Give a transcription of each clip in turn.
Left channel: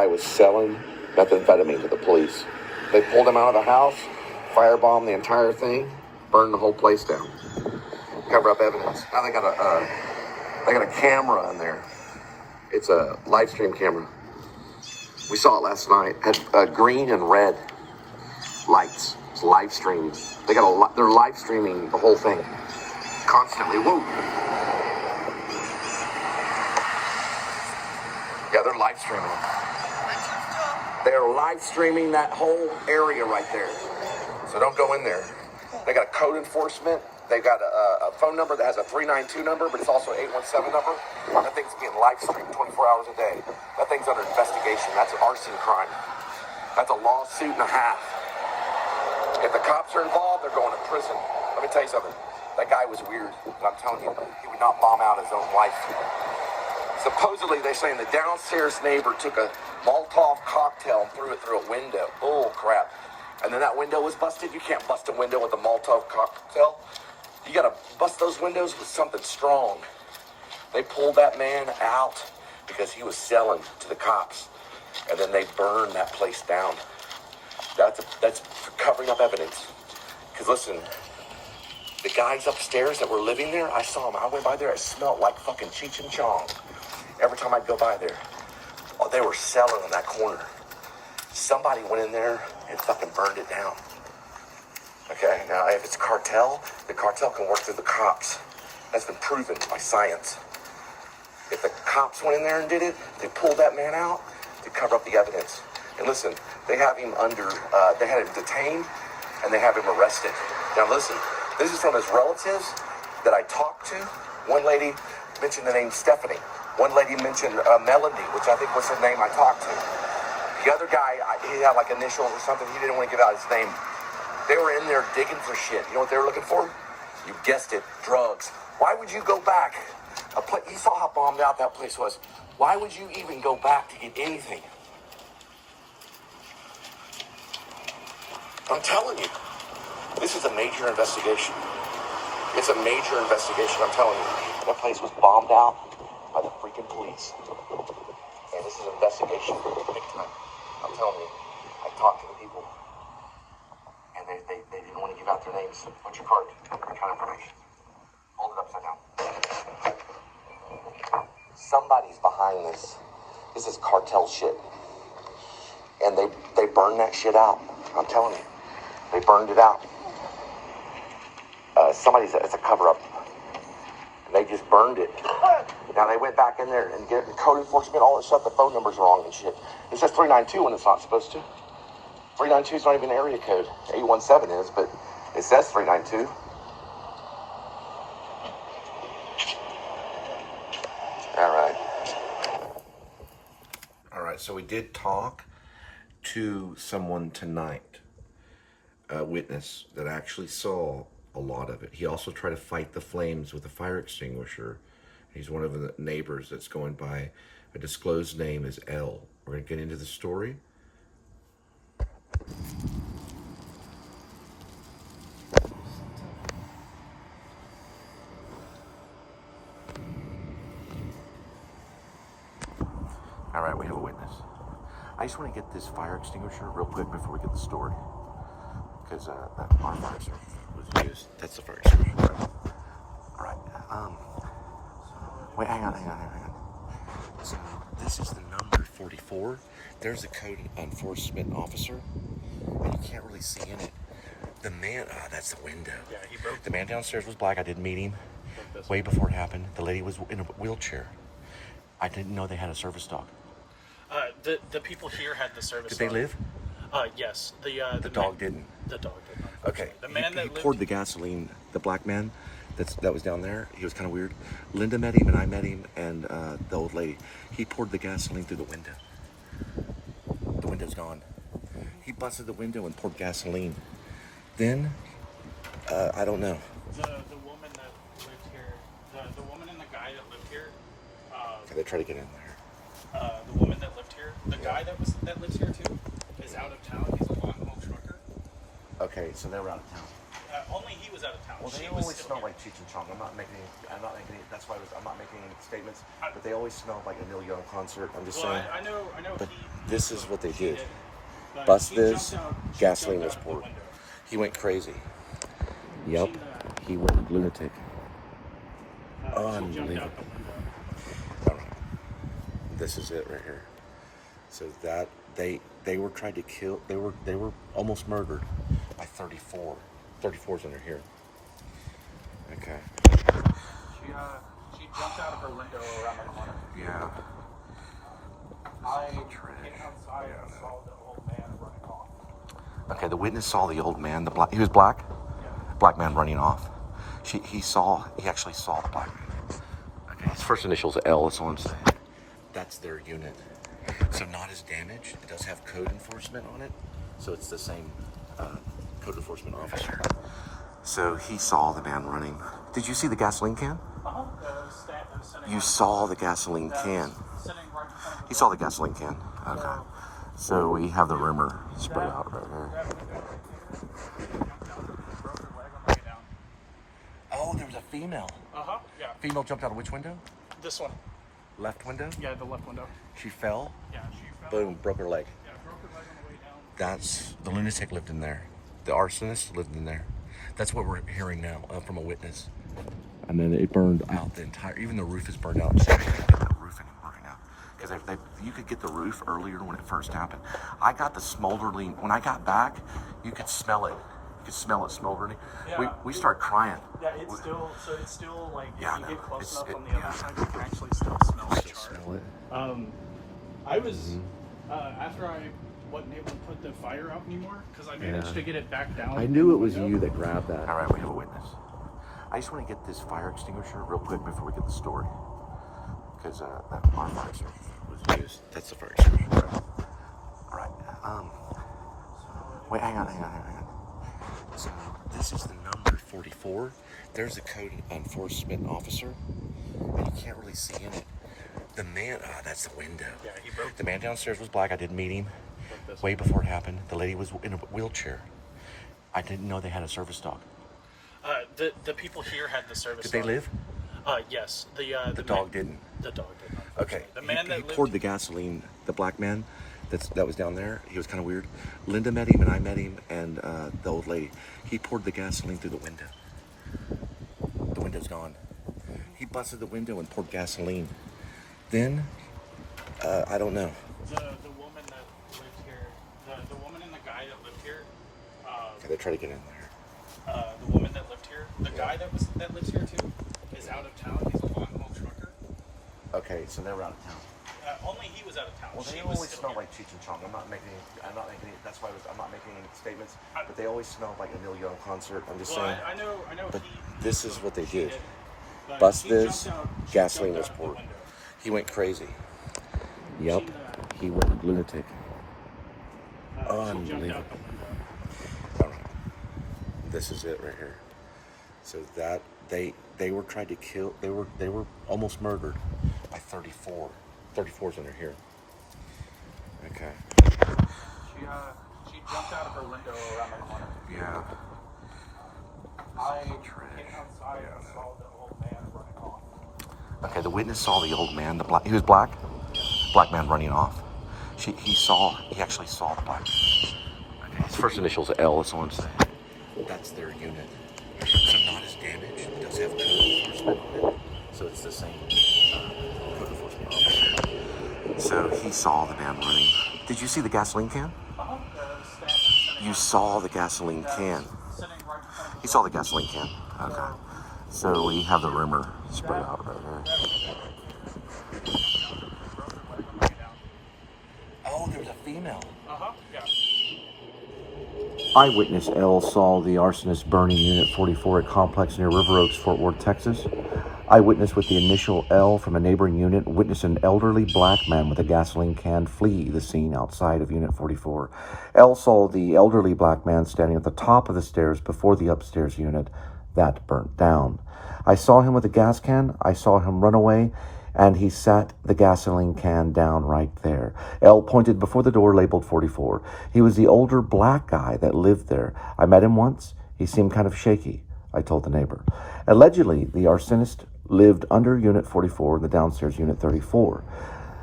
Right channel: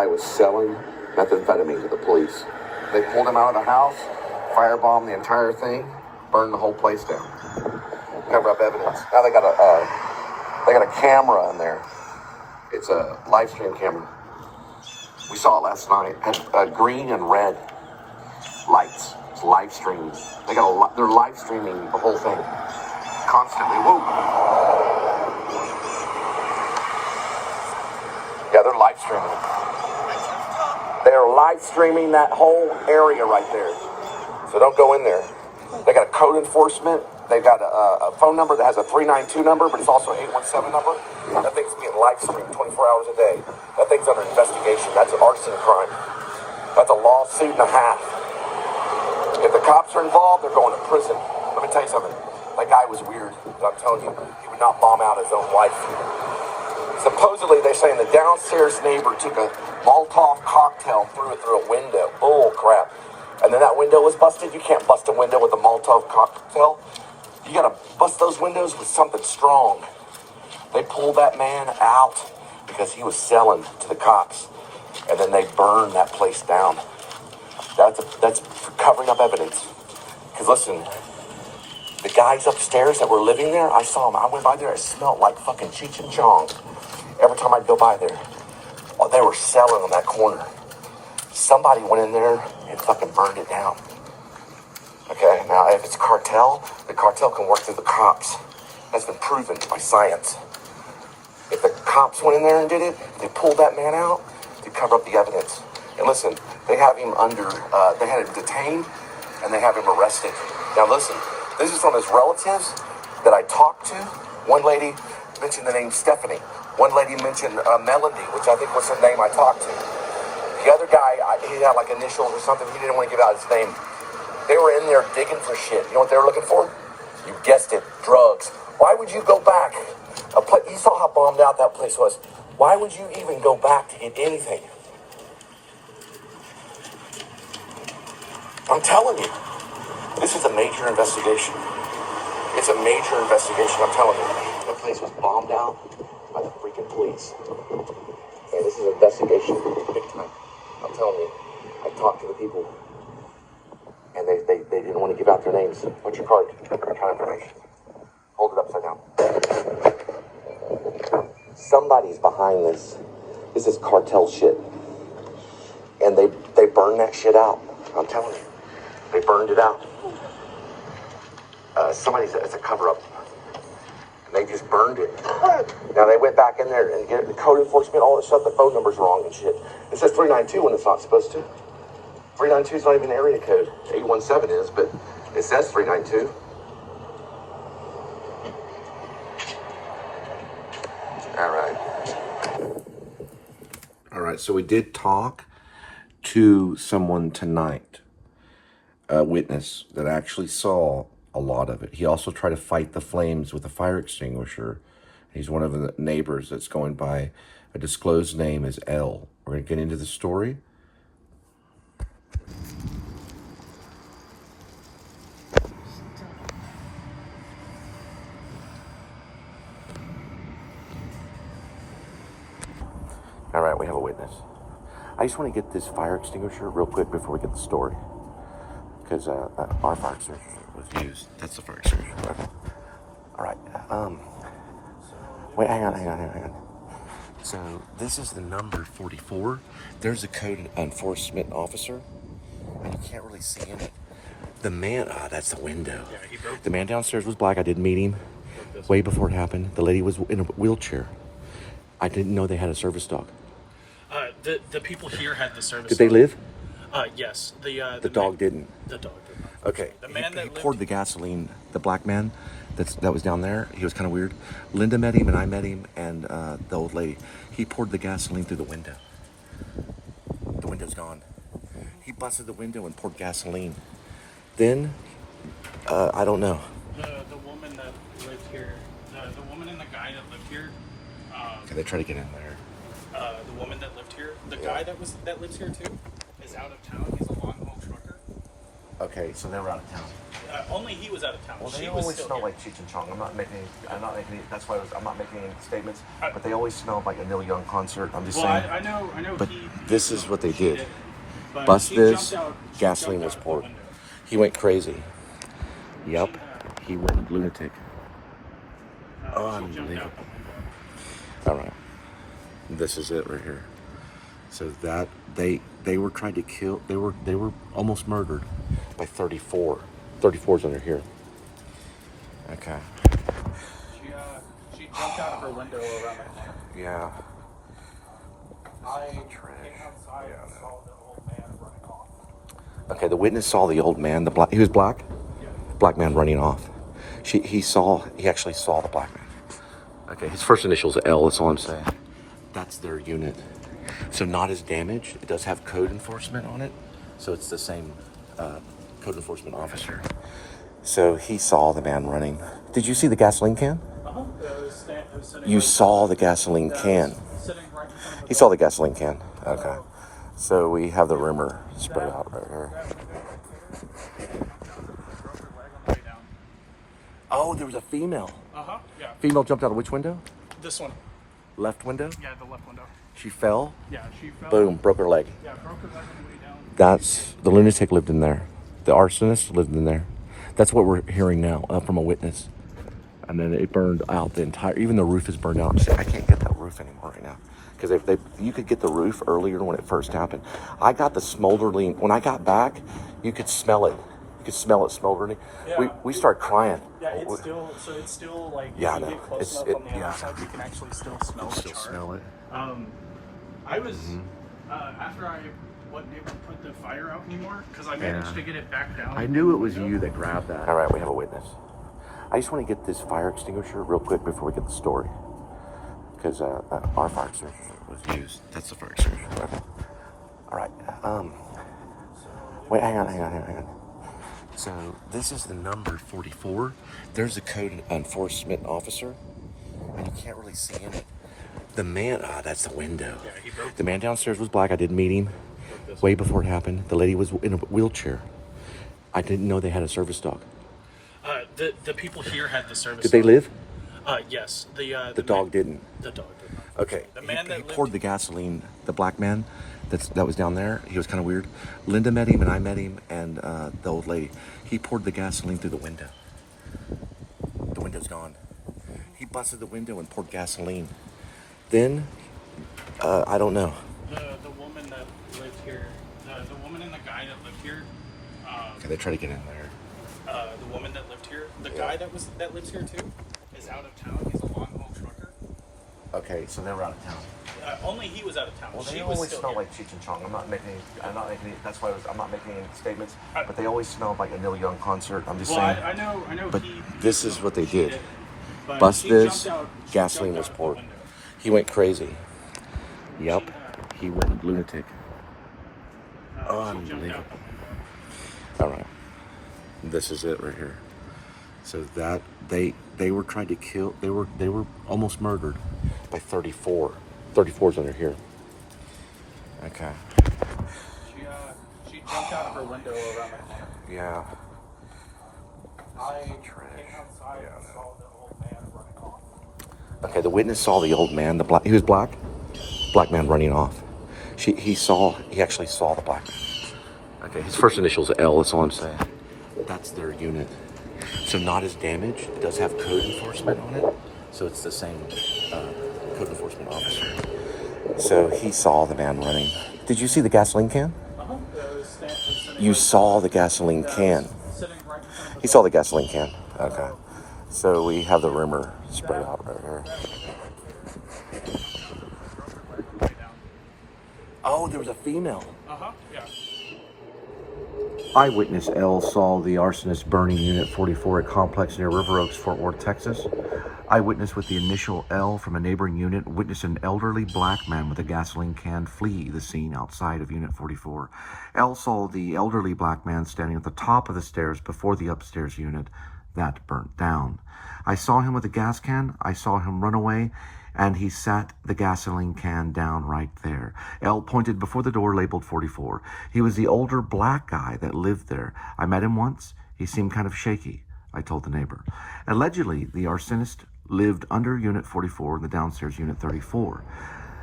guy was selling methamphetamine to the police. They pulled him out of the house, firebombed the entire thing, burned the whole place down. Cover up evidence. Now they got a camera in there. It's a live stream camera. We saw it last night. It had green and red lights. It's live streaming. They're live streaming the whole thing constantly. Woo! Yeah, they're live streaming. They're live streaming that whole area right there. So don't go in there. They got a code enforcement. They got a phone number that has a 392 number, but it's also an 817 number. That thing's getting live streamed 24 hours a day. That thing's under investigation. That's an arson crime. That's a lawsuit and a half. If the cops are involved, they're going to prison. Let me tell you something. That guy was weird. I'm telling you, he would not bomb out his own wife. Supposedly, they're saying the downstairs neighbor took a Molotov cocktail, threw it through a window. Bull crap. And then that window was busted. You can't bust a window with a Molotov cocktail. You gotta bust those windows with something strong. They pulled that man out because he was selling to the cops. And then they burned that place down. That's covering up evidence. Because listen, the guys upstairs that were living there, I saw them. I went by there, it smelled like fucking Cheech and Chong. Every time I'd go by there. Oh, they were selling on that corner. Somebody went in there and fucking burned it down. Okay, now if it's cartel, the cartel can work through the cops. That's been proven by science. If the cops went in there and did it, they pulled that man out to cover up the evidence. And listen, they have him they had him detained and they have him arrested. Now listen, this is from his relatives that I talked to. One lady mentioned the name Stephanie. One lady mentioned Melody, which I think was the name I talked to. The other guy, he had like initials or something. He didn't want to give out his name. They were in there digging for shit. You know what they were looking for? You guessed it, drugs. Why would you go back? You saw how bombed out that place was. Why would you even go back to get anything? I'm telling you, this is a major investigation. It's a major investigation, I'm telling you. That place was bombed out by the freaking police. And this is an investigation, big time. I'm telling you, I talked to the people. And they didn't want to give out their names. What's your card? Account information. Hold it upside down. Somebody's behind this. This is cartel shit. And they burned that shit out. I'm telling you. They burned it out. It's a cover-up. And they just burned it. Now they went back in there and get the code enforcement, all that stuff, the phone number's wrong and shit. It says 392 when it's not supposed to. 392 is not even an area code. 817 is, but it says 392. All right, so we did talk to someone tonight, a witness that actually saw a lot of it. He also tried to fight the flames with a fire extinguisher. He's one of the neighbors that's going by a disclosed name as L. We're going to get into the story. All right, we have a witness. I just want to get this fire extinguisher real quick before we get the story. Because our fire extinguisher was used. That's the fire extinguisher. All right. Wait, hang on. So this is the number 44. There's a code enforcement officer. And you can't really see in it. The man, that's the window. The man downstairs was black. I did meet him way before it happened. The lady was in a wheelchair. I didn't know they had a service dog. The people here had the service. Did they live? Yes. The dog didn't. The dog didn't. Okay. The man that poured the gasoline. The black man that was down there. He was kind of weird. Linda met him and I met him and the old lady. He poured the gasoline through the window. The window's gone. He busted the window and poured gasoline. Then, I don't know. The woman that lived here, the woman and the guy that lived here. They try to get in there. The woman that lived here, the guy that lives here too, is out of town. He's a long haul trucker. Okay, so they were out of town. Only he was out of town. Well, she they was always still smell here. like Cheech and Chong. I'm not making that's why I'm not making any statements. But they always smell like a Neil Young concert. I'm just saying. I know. But this is what they did. But Bust he this, jumped out- gasoline jumped was out the poured. window. He went crazy. Yep, he went lunatic. She jumped out Unbelievable. the All right, this is it right here. So that they were trying to kill. They were almost murdered by 34. 34's under here. Okay. She jumped out of her window around the corner. Yeah. I came outside and saw the old man running off. Okay. The witness saw the old man. He was black. Yeah. Black man running off. He actually saw the black man. Okay. His first initial is L. That's all I'm saying. That's their unit. So not as damaged. It does have code enforcement on it. So it's the same code enforcement officer. So he saw the man running. Did you see the gasoline can? You saw the gasoline can. He saw the gasoline can. Okay. So we have the rumor spread out right here. Oh, there was a female. Yeah. Female jumped out of which window? This one. Left window? Yeah, the left window. She fell. Yeah, she fell. Boom, broke her leg. Yeah, broke her leg on the way down. That's the lunatic lived in there. The arsonist lived in there. That's what we're hearing now from a witness. And then it burned out the entire. Even the roof is burned out. See, I can't get that roof anymore right now because you could get the roof earlier when it first happened. I got the smoldering. When I got back, you could smell it. You could smell it smoldering. Yeah. We started crying. Yeah, it's still like Yeah, I if you know. get close It's- enough on the yeah. outside, you can actually still smell it. Smell it. I was after I wasn't able to put the fire out anymore because I managed to get it back down. I knew it was you that grabbed that. All right, we have a witness. I just want to get this fire extinguisher real quick before we get the story. Because our fire extinguisher was used. That's the fire extinguisher. All right. Wait, hang on. So this is the number 44. There's a code enforcement officer, and you can't really see in it. The man, that's the window. The man downstairs was black. I did meet him way before it happened. The lady was in a wheelchair. I didn't know they had a service dog. The people here had the service. Did they live? Yes. The dog didn't. The dog did. Okay. The man he that lived. poured the gasoline. The black man that was down there. He was kind of weird. Linda met him, and I met him, and the old lady. He poured the gasoline through the window. The window's gone. He busted the window and poured gasoline. Then, I don't know. The woman that lived here, the woman and the guy that lived here. They try to get in there. The woman that lived here, the guy that lives here too, is out of town. He's a long haul trucker. Okay, so they were out of town. Only he was out of town. She They was always still smell here. like Cheech and Chong. I'm not making. That's why I'm not making any statements. But they always smell like a Neil Young concert. I'm just Well, saying. I know. But he this is what they did. but Bust she this, jumped out- she gasoline jumped was out the poured. window. He went crazy. Yep, he went lunatic. She jumped out. Unbelievable. All right, this is it right here. So that they were trying to kill. They were almost murdered by 34. 34's under here. Okay. She jumped out of her window around the corner. Yeah. I came outside and saw the old man running off. Okay. The witness saw the old man. He was black. Black man running off. He actually saw the black man. Okay. His first initial is L. That's all I'm saying. That's their unit. So not as damaged. It does have code enforcement on it. So it's the same code enforcement officer. So he saw the man running. Did you see the gasoline can? You saw the gasoline can. He saw the gasoline can. Okay. So we have the rumor spread out right here. Oh, there was a female. Yeah. Eyewitness L saw the arsonist burning Unit 44 at complex near River Oaks, Fort Worth, Texas. Eyewitness with the initial L from a neighboring unit witnessed an elderly black man with a gasoline can flee the scene outside of Unit 44. L saw the elderly black man standing at the top of the stairs before the upstairs unit that burnt down. I saw him with a gas can. I saw him run away, and he sat the gasoline can down right there. L pointed before the door labeled 44. He was the older black guy that lived there. I met him once. He seemed kind of shaky, I told the neighbor. Allegedly, the arsonist lived under Unit 44 in the downstairs Unit 34.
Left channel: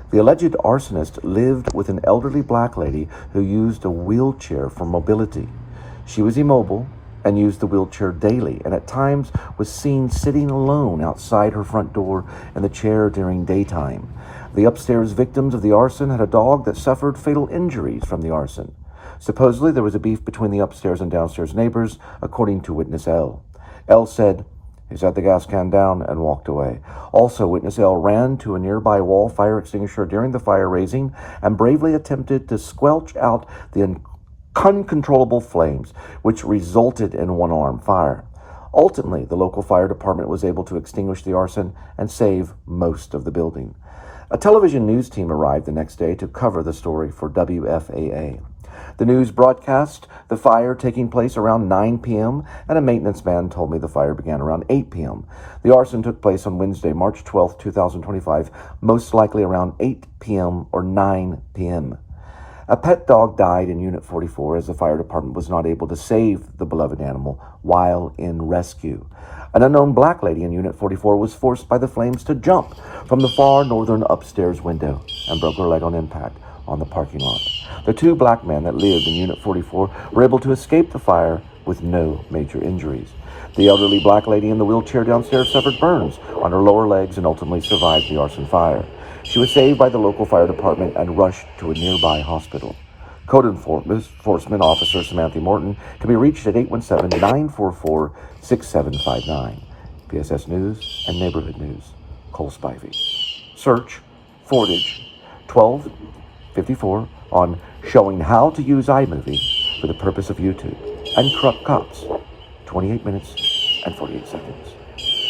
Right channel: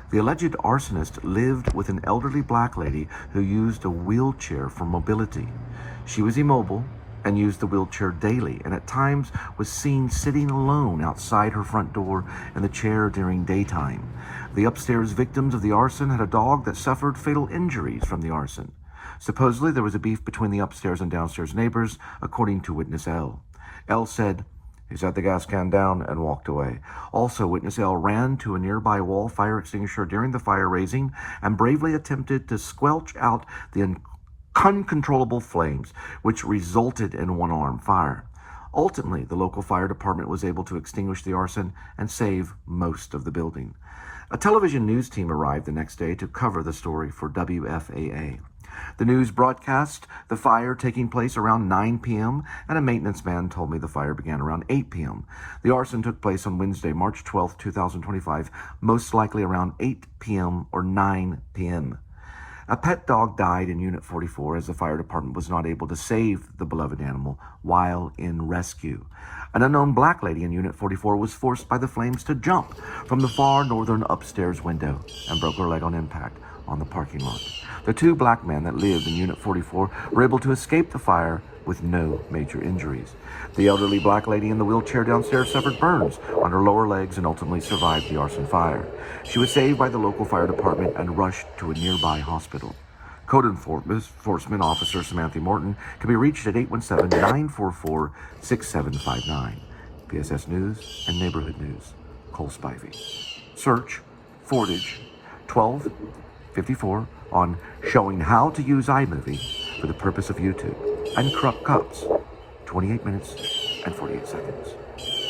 The alleged arsonist lived with an elderly black lady who used a wheelchair for mobility. She was immobile and used the wheelchair daily, and at times was seen sitting alone outside her front door in the chair during daytime. The upstairs victims of the arson had a dog that suffered fatal injuries from the arson. Supposedly, there was a beef between the upstairs and downstairs neighbors, according to witness L. L said, "He set the gas can down and walked away." Also, witness L ran to a nearby wall fire extinguisher during the fire raising and bravely attempted to squelch out the uncontrollable flames, which resulted in one-alarm fire. Ultimately, the local fire department was able to extinguish the arson and save most of the building. A television news team arrived the next day to cover the story for WFAA. The news broadcast the fire taking place around 9 p.m., and a maintenance man told me the fire began around 8 p.m. The arson took place on Wednesday, March 12, 2025, most likely around 8 p.m. or 9 p.m. A pet dog died in Unit 44 as the fire department was not able to save the beloved animal while in rescue. An unknown black lady in Unit 44 was forced by the flames to jump from the far northern upstairs window and broke her leg on impact on the parking lot. The two black men that lived in Unit 44 were able to escape the fire with no major injuries. The elderly black lady in the wheelchair downstairs suffered burns on her lower legs and ultimately survived the arson fire. She was saved by the local fire department and rushed to a nearby hospital. Code Enforcement Officer Samantha Morton can be reached at 817-944-6759. PSS News and Neighborhood News. Cole Spivey. Search Fordage 1254 on Showing How to Use iMovie for the purpose of YouTube, and Crook Cops 28 minutes and 48 seconds.